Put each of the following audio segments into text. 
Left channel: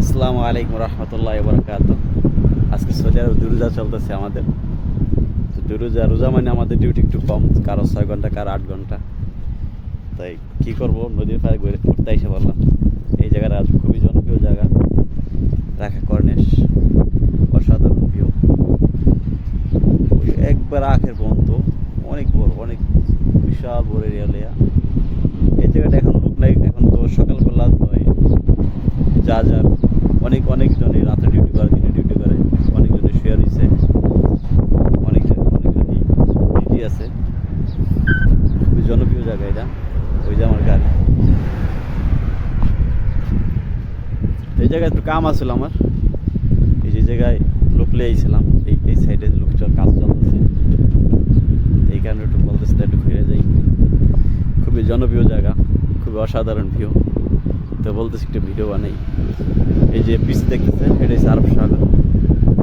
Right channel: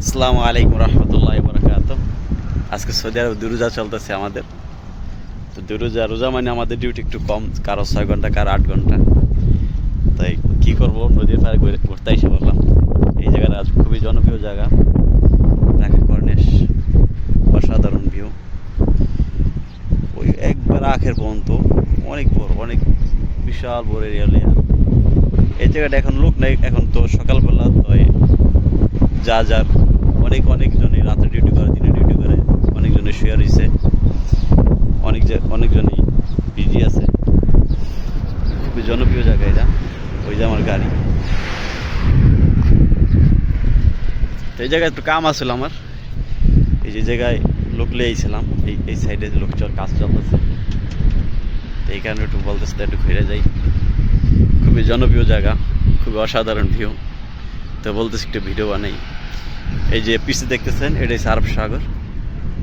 আসসালামু আলাইকুম রহমতুল্লাহ বরকাত আজকে সৌদি আরব দুরুজা চলতেছে আমাদের। তো দুরুজা, রোজা মানে আমাদের ডিউটি একটু কম, কারও ছয় ঘণ্টা, কারও আট ঘণ্টা। তাই কি করব? নদীর পাড়ে ঘুরে ঘুরতে এসে বললাম এই জায়গাটা আজ খুবই জনপ্রিয় জায়গা। রাখা কর্নেশ, অসাধারণ ভিউ ওই একবার আখের পর্যন্ত অনেক বড়, অনেক বিশাল বড় এরিয়া এই জায়গাটা এখন লোক নেই, এখন তো সকালবেলা এই যা যার অনেক অনেকজনই, রাতে ডিউটি করে, দিনে ডিউটি করে, অনেকজনের শেয়ার হয়েছে অনেক অনেকজনই বিজি আছে। খুবই জনপ্রিয় জায়গা এটা, ওই যে আমার গাড়ি। এই জায়গায় একটু কাম আসছিল আমার। এই যে জায়গায় লোক লেগেছিলাম এই এই সাইডে লোক চল কাজ চলতেছে। এই কারণে একটু বলতেছে একটু ঘুরে যাই। খুবই জনপ্রিয় জায়গা, খুবই অসাধারণ ভিউ তো বলতেছি একটু ভিডিও বানাই। এই যে পিছে দেখতেছেন, এটা হচ্ছে আরব সাগর।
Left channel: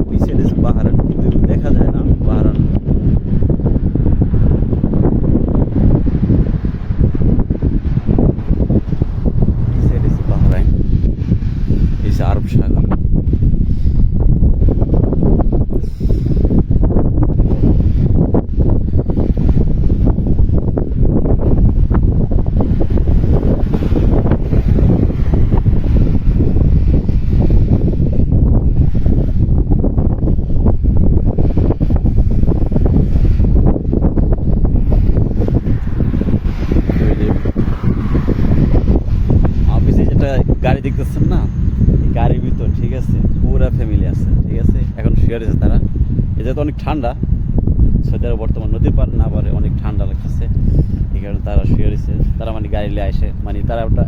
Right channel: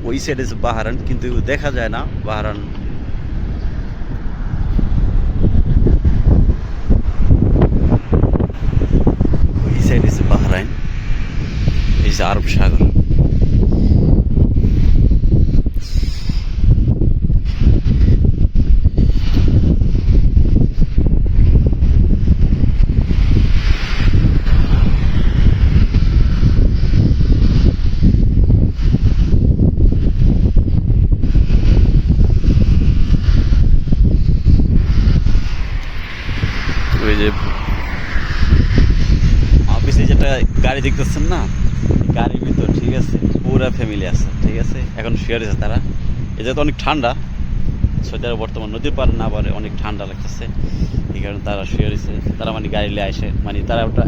ওই সাইড হচ্ছে বাহারান, কিন্তু দেখা যায় না বাহারান। ওই সাইড হচ্ছে বাহারাইন, এই যে আরব সাগর ওই যে অফিসে যেটা গাড়ি দেখতেছেন না গাড়ির ভিতর, ঠিক আছে, পুরা ফ্যামিলি আছে, ঠিক আছে, এখন শুয়ে আছে তারা। এটা তো অনেক ঠান্ডা সৌদি আরব বর্তমান নদীর পার না পারে অনেক ঠান্ডা লাগতেছে, এই কারণে তারা শুয়ে রয়েছে। তারা মানে গাড়ি নিয়ে আসে মানে তারা ওটা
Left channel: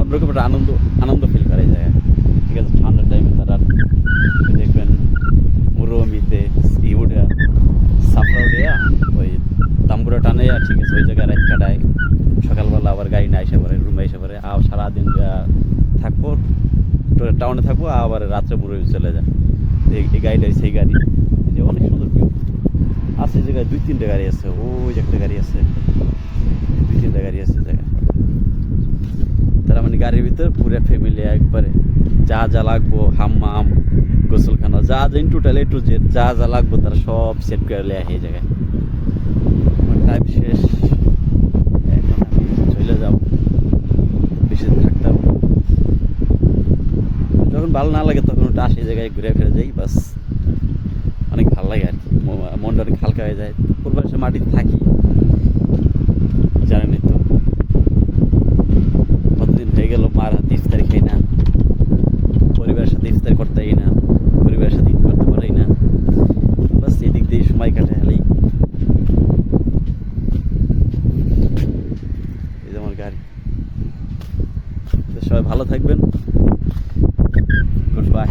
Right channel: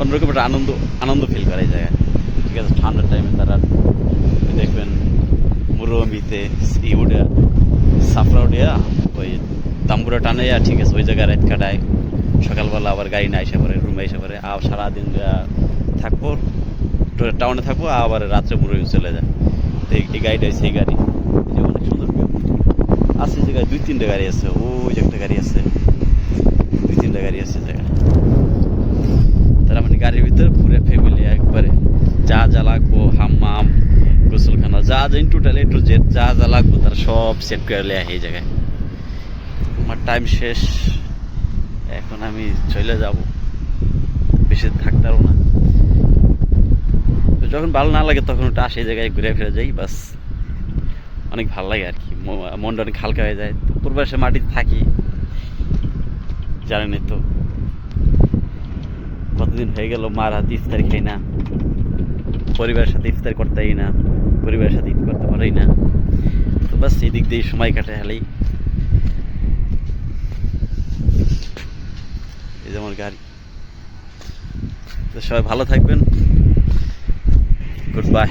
অন্যরকম একটা আনন্দ আনন্দ ফিল করে এই জায়গায়। ঠিক আছে, ঠান্ডার টাইমে তারা দেখবেন মুরমিতে ইউডা সাফরা উঠিয়া ওই তাম্বুরা টানাইয়া ঠিক আছে, ওই জায়গায় রাত কাটায়। সকালবেলা আবার গাড়ি না এসে পড়ে রুমে এসে পড়ে, আর সারাদিন থাকব টাউনে থাকব আবার রাত্রে পুরো চলে যায়। তো এই- গাড়িটা সেই গাড়ি। যে অনেক সুন্দর ভিউ আছে জায়গায় দুই তিনটে গাড়ি আছে, ওই একটা গাড়ি আছে, দুই তিনটে গাড়ি আছে জায়গায়। তারা মানে গাড়ির ভিতরে পুরো ফ্যামিলি একবারে। যা যা লাগবো, হাম্মাম, গোসলখানা, যা যা টোটাল এ টু জেড যা যা লাগবো তারা সব সেট করে লেয়া এই জায়গায়। আমার টাইম শেষ, এখন আমি চলে যাব। বেশি থাকতে পারব না। যখন ভালো না লাগে তখন ওটা আসে জায়গায় ঘুরে ফিরে যাই, বাস। অনেক ভালো লাগে আর কি। মনটা অনেক হালকা হয়ে যায়। পূর্বাসে মাটিতে থাকি। জানেনই তো। কতদিন হয়ে গেল, মার হাতে ইফতারি খাই না। পরিবারের সাথে ইফতার করতেই না, পরিবারের সাথে ঈদ করতে পারি না। বাস এই দিক দিয়ে সময় কাটে হলেই এই যে আমার গাড়ি। তো সবাই ভালো থাকবেন। Good bye